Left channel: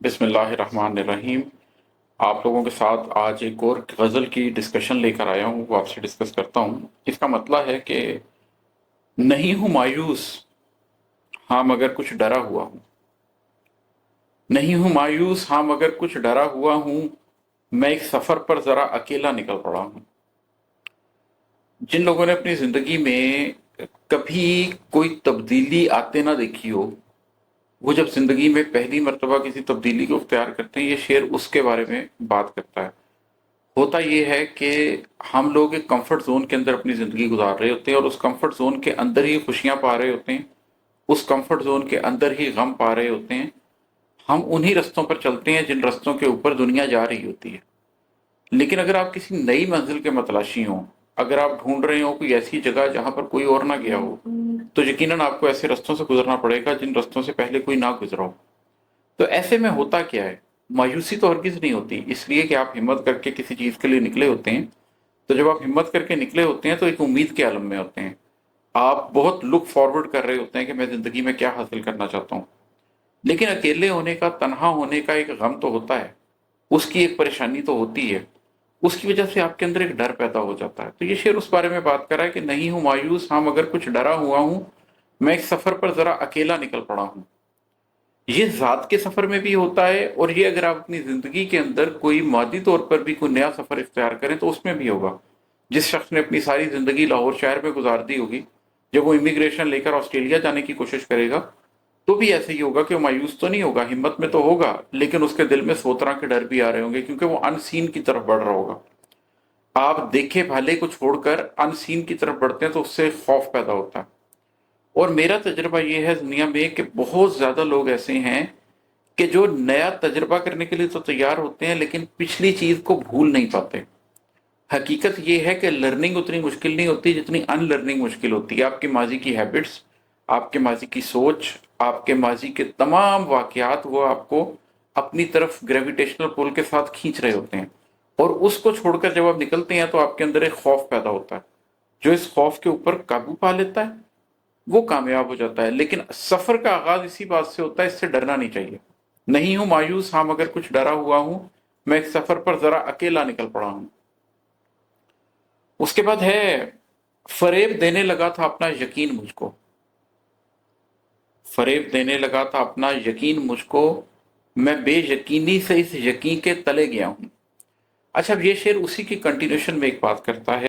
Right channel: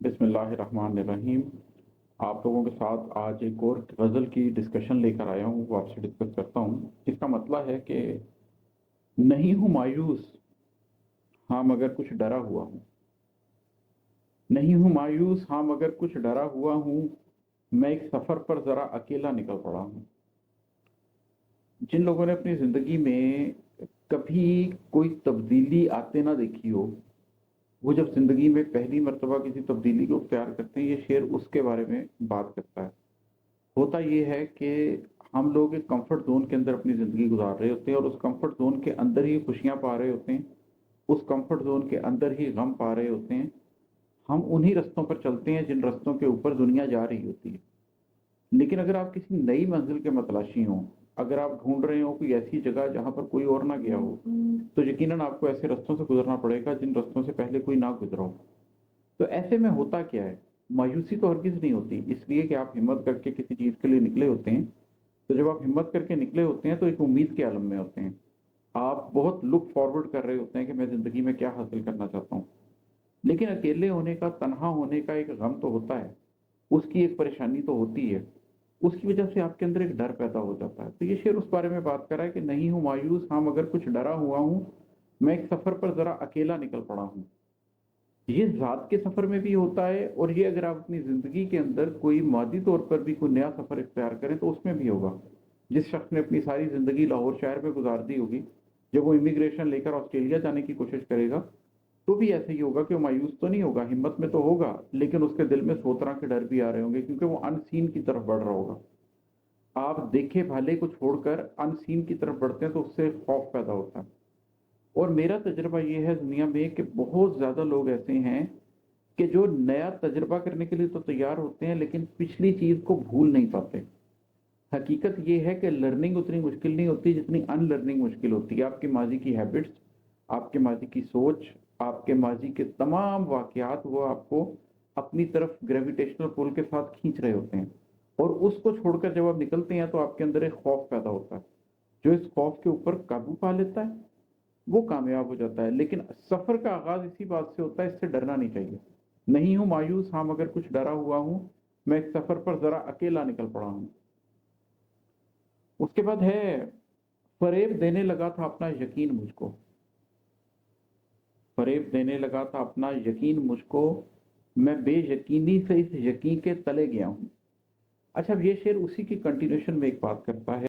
बिस्मिल्लाहिर्रहमानिर्रहीम। आप लोगों के साथ आज एक और गज़ल की डिस्कशन लेकर आया हूँ, वो आपसे डिस्कस करता हूँ। इसका मतलब है कि नहीं हूँ मायूस, हाँ मगर कुछ डरा हुआ हूँ। नहीं हूँ मायूस, हाँ मगर कुछ डरा हुआ हूँ। मैं एक सफ़र पर ज़रा अकेला निकल पड़ा हूँ। जिन लोगों ने अपनी ज़िंदगी में कभी कोई तब्दीली आते ना देखी हो, वो जब ज़िंदगी में पहली मर्तबा किसी तब्दीली को इख्तियार करते हैं, ये शेर उसके बारे में बात करता है। होता ये है कि हम लोग एक कंफर्ट जोन के अंदर अपनी ज़िंदगी गुजार रहे होते हैं और उस कंफर्ट जोन के अंदर ही खुशियां पा रहे होते हैं, उस कंफर्ट जोन के अंदर ही गम पा रहे होते हैं। हम उन्हीं रास्तों पर चलते हैं जिन रास्तों के ऊपर दुनिया जा रही होती है। लेकिन अगर आप किसी नई मंजिल के मतलाशी हों, अगर आप ढूंढ रहे हो कोई ऐसी जगह जहां पर कोई और ना गया हो, तो यकीनन आपको ऐसे रास्तों से गुजरना पड़ेगा जिन रास्तों से पहले कोई ना गुजरा हो। तो ऐसे में होता क्या है, मायूसी तो हरगिज नहीं होती, इसलिए कि आप हिम्मत करके किसी चीज़ के लिए निकले होते हैं। तो जब आप हिम्मत करके निकले होते हैं तो एक उम्मीद के आलम में होते हैं। आप बहुत लुक फॉरवर्ड कर रहे होते हैं कि मैं ज़िंदगी में क्या हासिल करना चाहता हूँ। लेकिन अकेले होने का, तन्हा होने का एक गम तो होता है, उसकी एक परेशानी तो होती है। उसकी वजह से आपके अंदर एक डर पैदा हो जाता है। तो ये शेर उस बारे में बात कर रहा है कि नहीं हूँ मायूस, हाँ मगर कुछ डरा हुआ हूँ। मैं एक सफ़र पर ज़रा अकेला निकल पड़ा हूँ। ये ज़ात के सफ़र में भी होता है और ये अगर आप अपनी ज़िंदगी के अंदर कोई मादी तौर पर भी कोई नया सफ़र इख्तियार करें तो उसमें भी होगा। जिस शख्स ने अपनी सारी ज़िंदगी लाहौर शहर में गुजार दी होगी, जब वो इमिग्रेशन लेकर ऑस्ट्रेलिया जाने की कोशिश करेगा, तो भी ऐसे ही होगा कि वो मायूस तो नहीं होगा, हिम्मत में तो होगा, लेकिन उसके दिल में 100 तरह के डर भी आ रहे होंगे क्योंकि वो अनसीन की तरफ बढ़ रहा होगा। आप देखे भाले को छोड़कर अनसीन की तरफ बढ़ते हैं तो उससे खौफ पैदा होता है। और मेरा तजुर्बा ये है दुनिया में कि बहुत ज़्यादा लोग ऐसे हैं कि जो नया तजुर्बा करने के लिए तो तैयार होते हैं लेकिन पिछली चीज़ को भूल नहीं पाते। हकीकत ये है कि लर्निंग उतनी मुश्किल नहीं होती जितनी अनलर्निंग मुश्किल होती है। आपके माजी की हैबिट्स, आपके माजी की सोच, आपके माजी के तमाम वाक़यात वो आपको अपनी तरफ ग्रेविटेशनल पुल के साथ खींच रहे होते हैं। और उसको छोड़कर जब आप निकलते हैं तो आपके अंदर एक खौफ पैदा होता है। जो इस खौफ के ऊपर काबू पा लेता है, वो कामयाब हो जाता है। लेकिन सफ़र का आगाज़ इसी बात से होता है, इससे डरना नहीं चाहिए। नहीं हूँ मायूस, हाँ मगर कुछ डरा हुआ हूँ। मैं एक सफ़र पर ज़रा अकेला निकल पड़ा हूँ। उसके बाद है, फ़रेब देने लगा था अपना यकीन मुझको। फ़रेब देने लगा था अपना यकीन मुझको, मैं बेयकीनी से इस यकीन के तले गया हूँ। अच्छा, अब ये शेर उसी की कंटिन्यूएशन में एक बात करता है।